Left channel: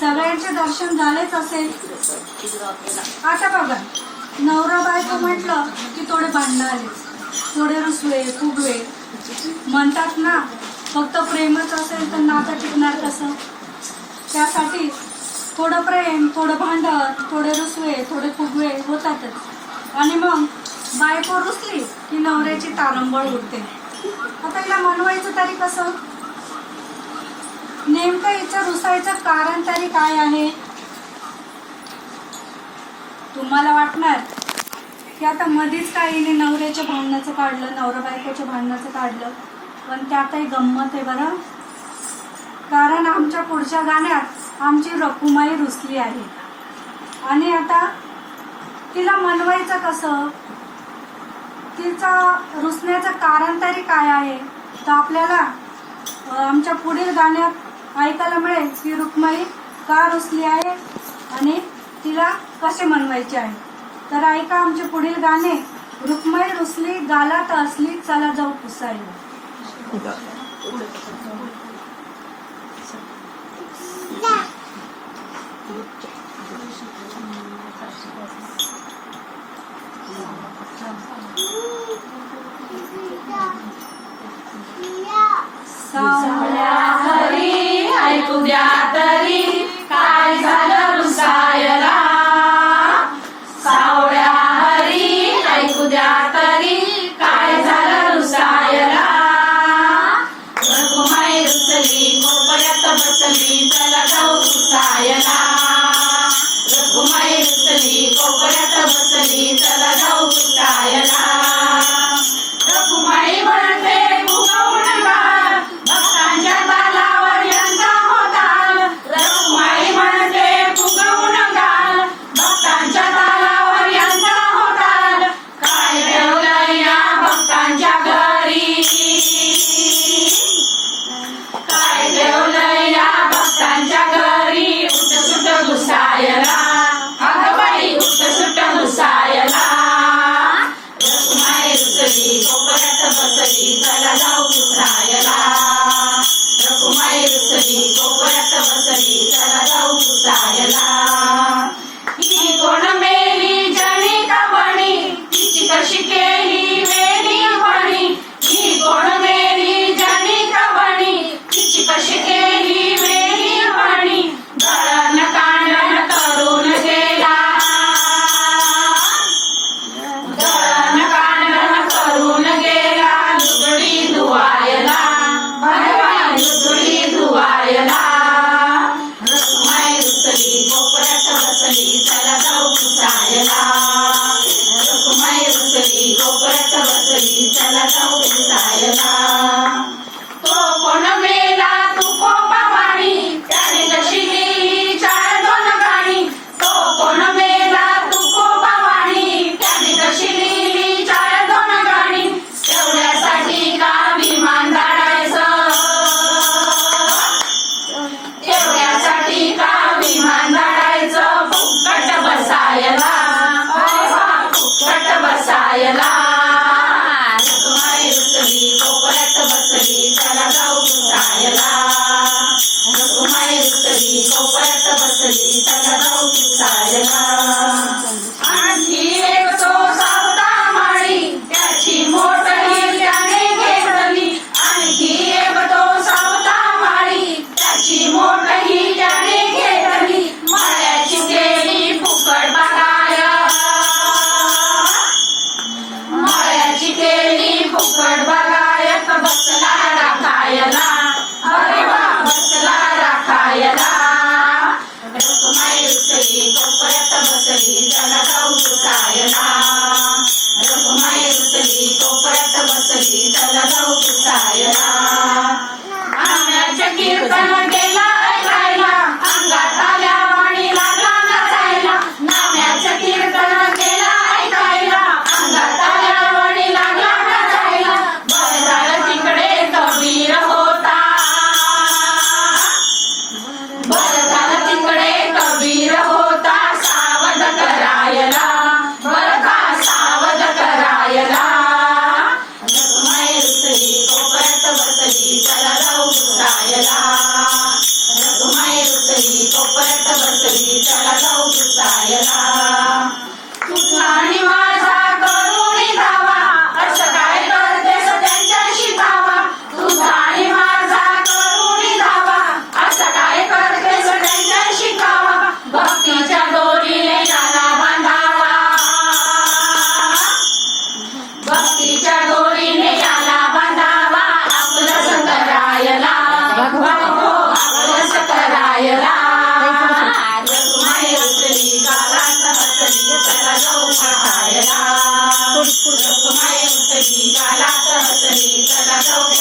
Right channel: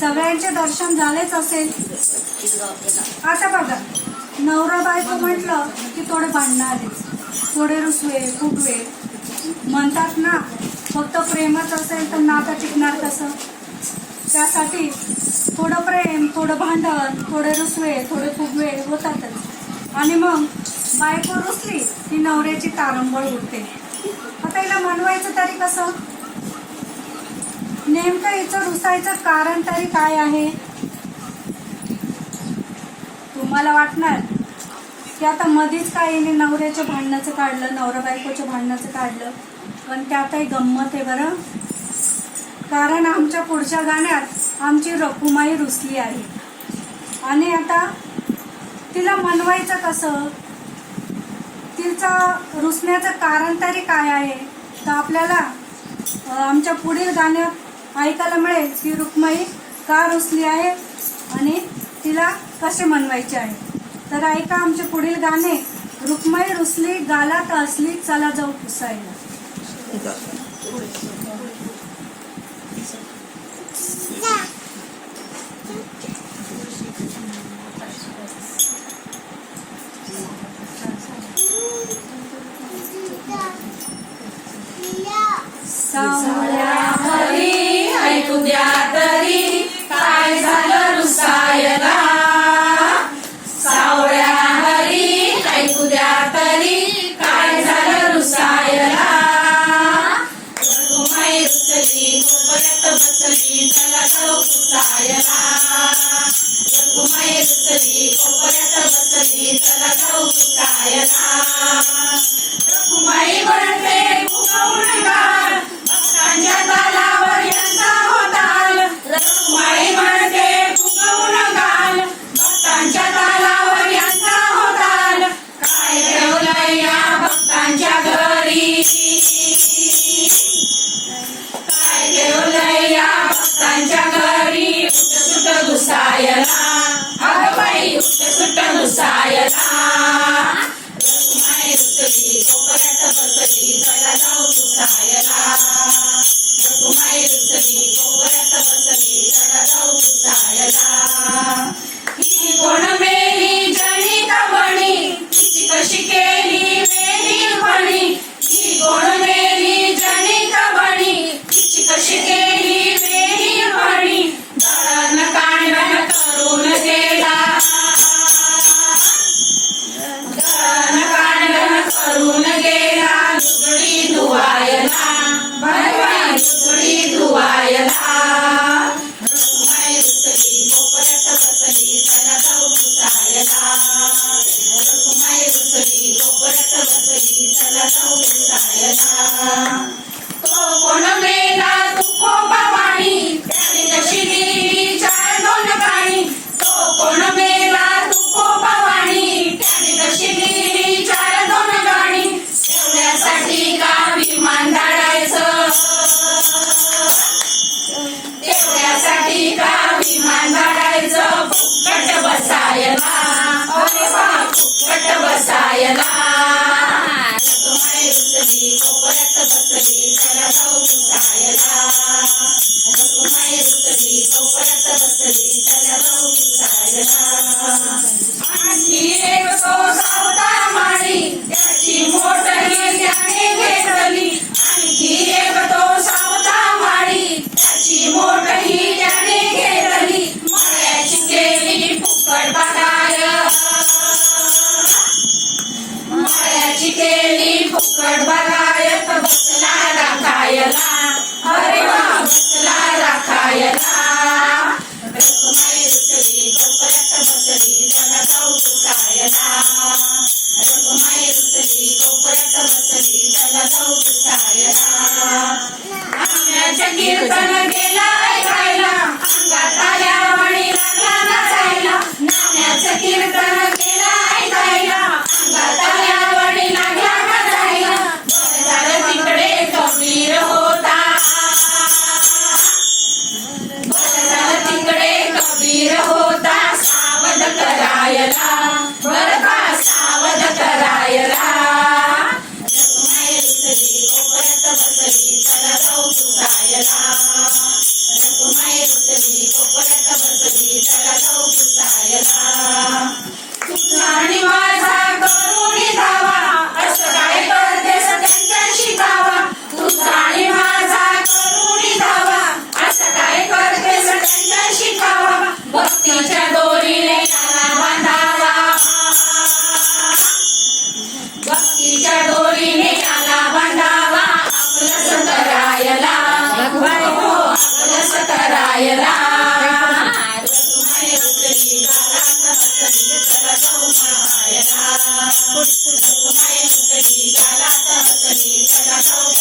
सगळ्यांचे दर्शन झालेच असेल. आता बघा नवरा बायको म्हटलं की थोडे भांडणं थोडे रुसवे फुगवे. म्हणतात ना फक्त प्रेमच असेल तर नातं टिकणार कसं? त्यासाठी थोडं प्रेम थोडं भांडण थोडे रुसवे थोडे फुगवे होतातच. आणि मग बायको रुसली की नवऱ्याची तारंबळ उडते. आता हिला मनवायचं तरी कसं? नेमकं हिचं रुसायचं कारण तरी काय आहे? तुम्हाला वाटणार? की आता मधीच काय हिने नवऱ्याच्या भांडणाचं काढलं नवरा बायकोच्या भांडणाचं काढलं पण त्यातही गंमत आहे बरं? कारण आमच्या पुढच्या गाण्यात आमची रकुमाई रुसली आहे. आणि आता तिला मनवायचं कसं? तिचा रुसण्याचं कारण तरी काय आहे? तर आपल्याला आमच्या पुढील गाण्यात ऐकायला मिळेल की रुक्माई का रुसली आहे आणि तिला कसे मनवायचे आहे. तर ऐका आमचे पुढील गाणे. रुक्माई रुसली गालात असली चला जाऊ पुसायला. Yeah. घुसायला अगं बाई उठ सुट घुसायला रघुमाई रुसली कोपऱ्यात बसली चला जाऊ घुसायला रघुमाई रुसली कोपऱ्यात बसली चला जाऊ बसली चला जाऊ पुसायला तो कोण मेला तू कोपावाणी त्याने जशी गेली चार दोन गाणी तो कोण मेला तू कोपावाणी त्याने कशी लिहिली चार दोन गाणी तेवढ्यासाठी का विमान काढायचं? तेवढ्यासाठी का विमान काढायचं फुकट बसायला फुकट बसायला. पुसायला रघुमाई रुसली कोपऱ्यात बसली चला जाऊ पुसायला जाऊ आम्याच्या कीर्तन गेला पाहायला रखुमाई उतरी गालात हसली चला जाऊ पाहायला